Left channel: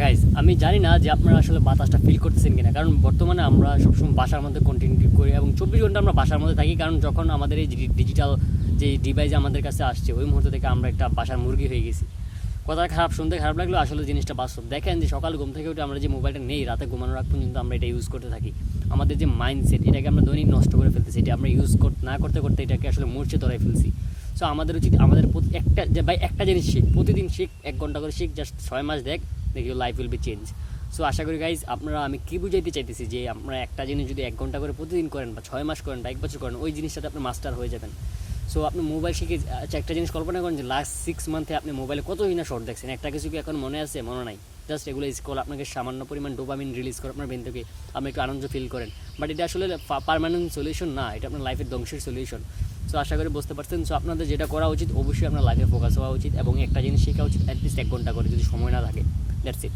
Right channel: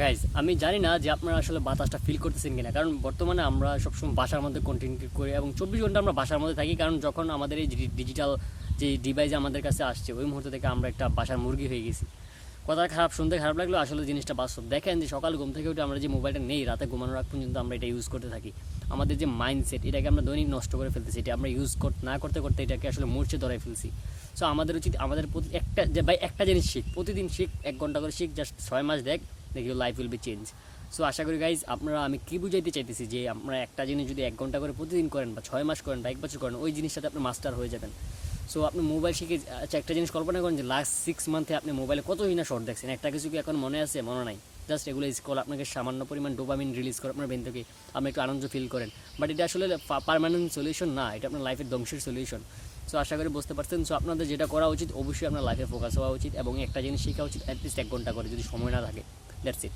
Guys আমি জানি না যে আপনারা আসলে বাতাসটা ফিল করতেছেন কিনা, কারণ বর্তমানে আমরা সবসময় বাসার মধ্যে কন্টিনিউ করি এবং 24 ঘন্টা আমরা বাসার মধ্যে থাকি, কারণ যখন আমাদের এই ডিজিটাল যে ডিভাইস আমাদের কাছে আসছে ওই মুহূর্ত থেকে আমরা একটা বাসার মুরগি হয়ে গেছি। কথা খারাপ, শুনতে খারাপ লাগলো, আসলে জিনিসটা বাস্তব। দেখেন যে সকাল ঘুম থেকে উঠে আমরা যে মোবাইলটা নেই, রাতে ঘুমানোর আগ পর্যন্ত আমরা এটা ইউজ করতে থাকি। আমাদের যে মাইন্ডসেট, এটাকে আমরা দৈনিক নষ্ট করে ফেলতেছি। এটা আমরা ইউজ না করতে করতে এটাকে আসলে মূর্ছে ধরাই ফেলছি। সো আমাদের উচিত আমাদের একটা যে ভাই একটা জিনিস শিখ, প্রতিদিন শিখ, 1 ঘন্টা করে শিখ, জাস্ট 6 মাস দেখ, your life will be change. So আশা করি গাইজ আপনারা, আমি কি বুঝাইতে চাইতেছি যে আপনারা একটা জিনিস যদি 1 ঘন্টা করে প্রতিদিন করেন বা 6 মাস করেন বা 1 বছর করেন, ওই জিনিসটাতে আপনি মাস্টার হয়ে যাবেন। সো আপনি মোবাইল শিখে, আচ্ছা একটা জিনিস কল্পনা করেন যে লাস্ট 6 মান্থে আপনি মোবাইলে কতই না শর্ট দেখছেন, একটা কিছু কি এখন মনে আছে? মনে নাই। জাস্ট এগুলো স্ক্রল আপনাকে সামান্য পরিমাণ ডোপামিন রিলিজ করে আপনার ব্রেন থেকে, আপনি একটু আনন্দ ফিল করেন। বাট এটা আসলে পার্মানেন্ট সলিউশন না, এটা আপনার লাইফের ধ্বংসের সলিউশন। সো আশা করি বুঝতে পারছেন। সো আপনাদের যেটা করা উচিত, অবশ্যই আপনার লাইফে ফোকাস হওয়া উচিত এবং একটা জিনিস শেখা উচিত অ্যাটলিস্ট 1 ঘন্টা করে, যদি সময় না থাকে। That's it.